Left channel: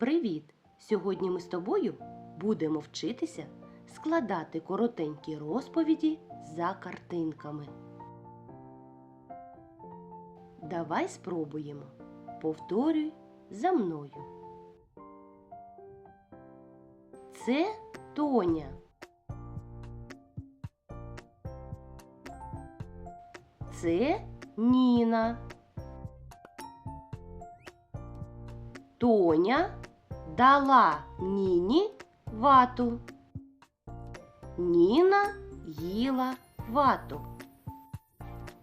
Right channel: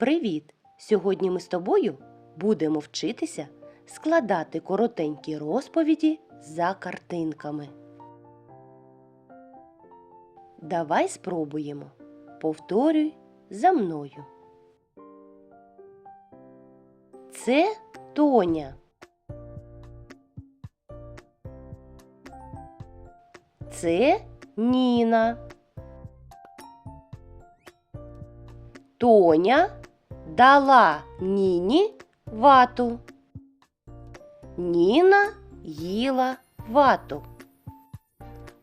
Привіт! Сьогодні ми з тобою будемо вчитися складати коротенькі розповіді за картинками. Давай спробуємо. Повторюй за мною. Це Тоня. Це Ніна. Тоня дала Ніні вату. Ніна їла вату.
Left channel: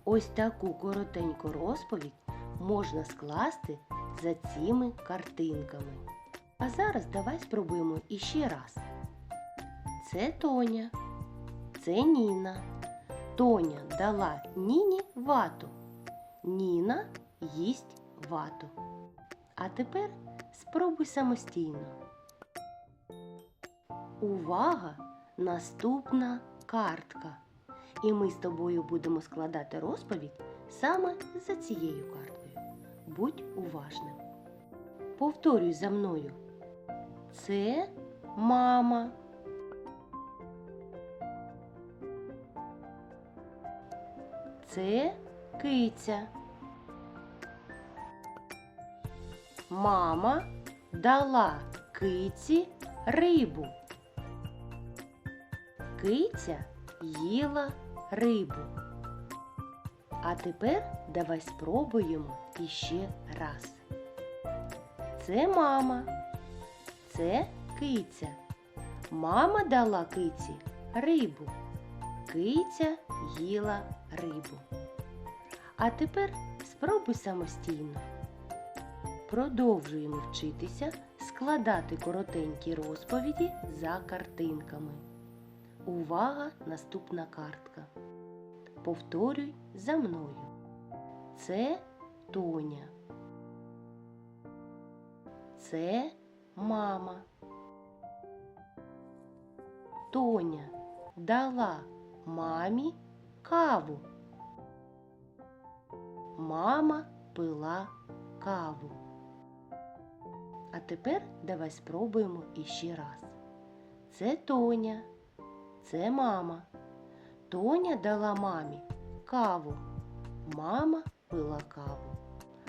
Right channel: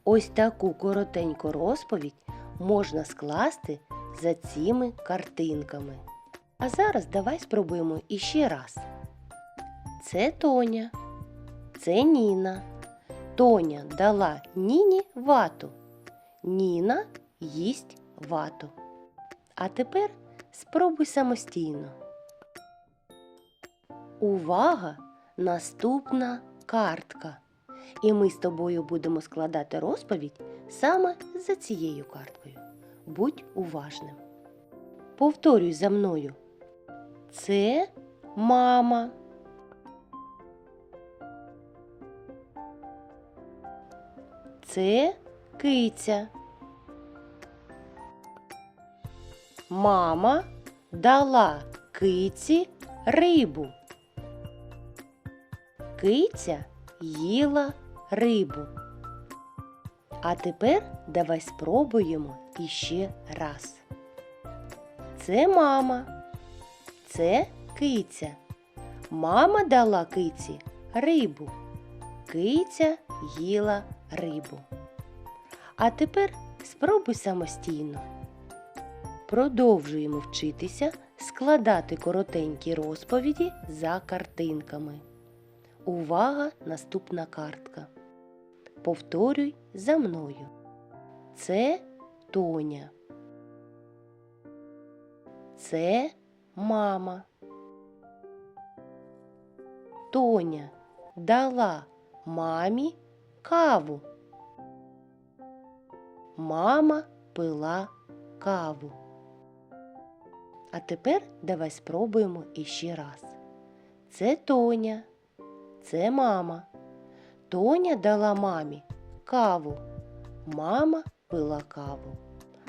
Ось таку коротеньку розповідь можна скласти за цими картинками. А зараз давай спробуємо іще раз. Це Тоня, це Ніна. Тоня дала Ніні вату. Ніна їсть вату. А тепер спробуй самостійно. Увага! Наступна картка. І ми з тобою будемо складати розповідь саме за цією карткою. Будь уважним. Повторюй за мною. Це мама. Це киця. Мама дала киці рибу. Киця їла рибу. А тепер давай спробуємо іще раз. Це мама. Це киця. Мама дала киці рибу. Киця їла рибу. А тепер спробуй самостійно. Продовжуємо вчитися складати коротенькі розповіді за картинками. Увага! Наступна картка. Повторюй за мною. Це Тоня. Це мама. Тоня дала мамі каву. Мама пила каву. А тепер давай спробуємо іще раз. Це Тоня. Це мама. Тоня дала мамі каву. Мама пила каву.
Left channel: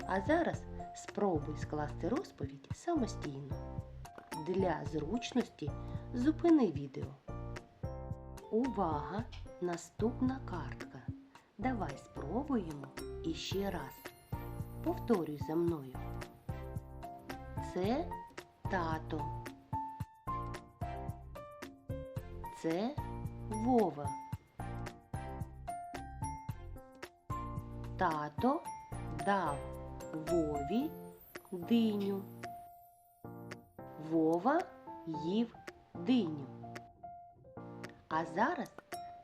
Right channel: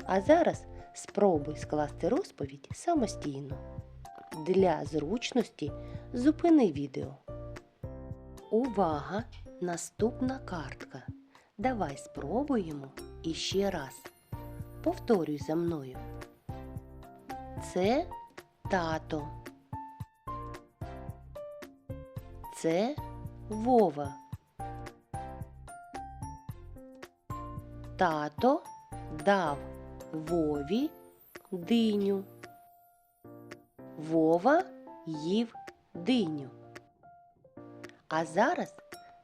А зараз спробуй скласти розповідь самостійно. Для зручності зупини відео. Увага! Наступна картка. Давай спробуємо іще раз. Повторюй за мною. Це тато. Це Вова. Тато дав Вові диню. Вова їв диню. А зараз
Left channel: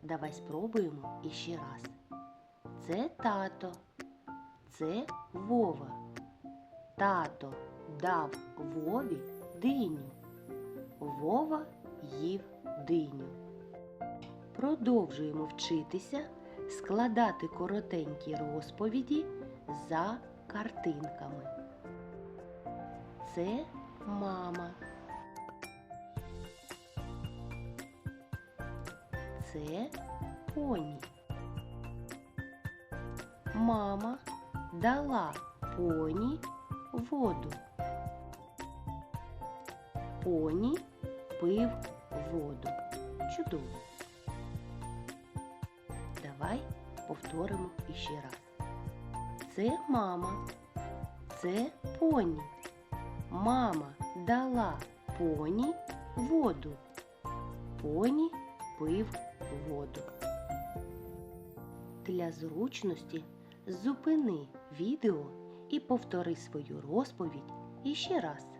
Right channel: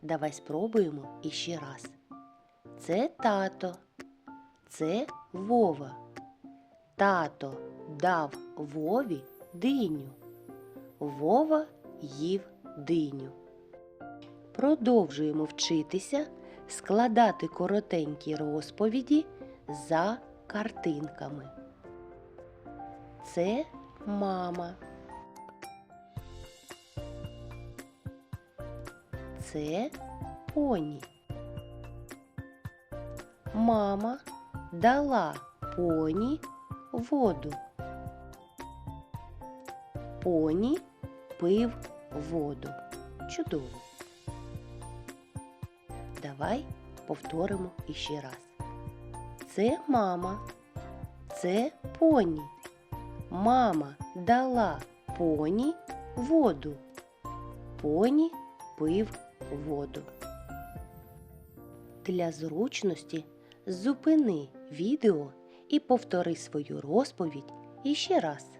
давай спробуємо іще раз. Це тато. Це Вова. Тато дав Вові диню. Вова їв диню. Продовжуємо вчитися складати коротенькі розповіді за картинками. Це мама. Це поні. Мама дала поні воду. Поні пив воду. Чудово. Давай повторимо іще раз. Це мама. Це поні. Мама дала поні воду. Поні пив воду. Для зручності зупини відео і повтори свою розповідь іще раз.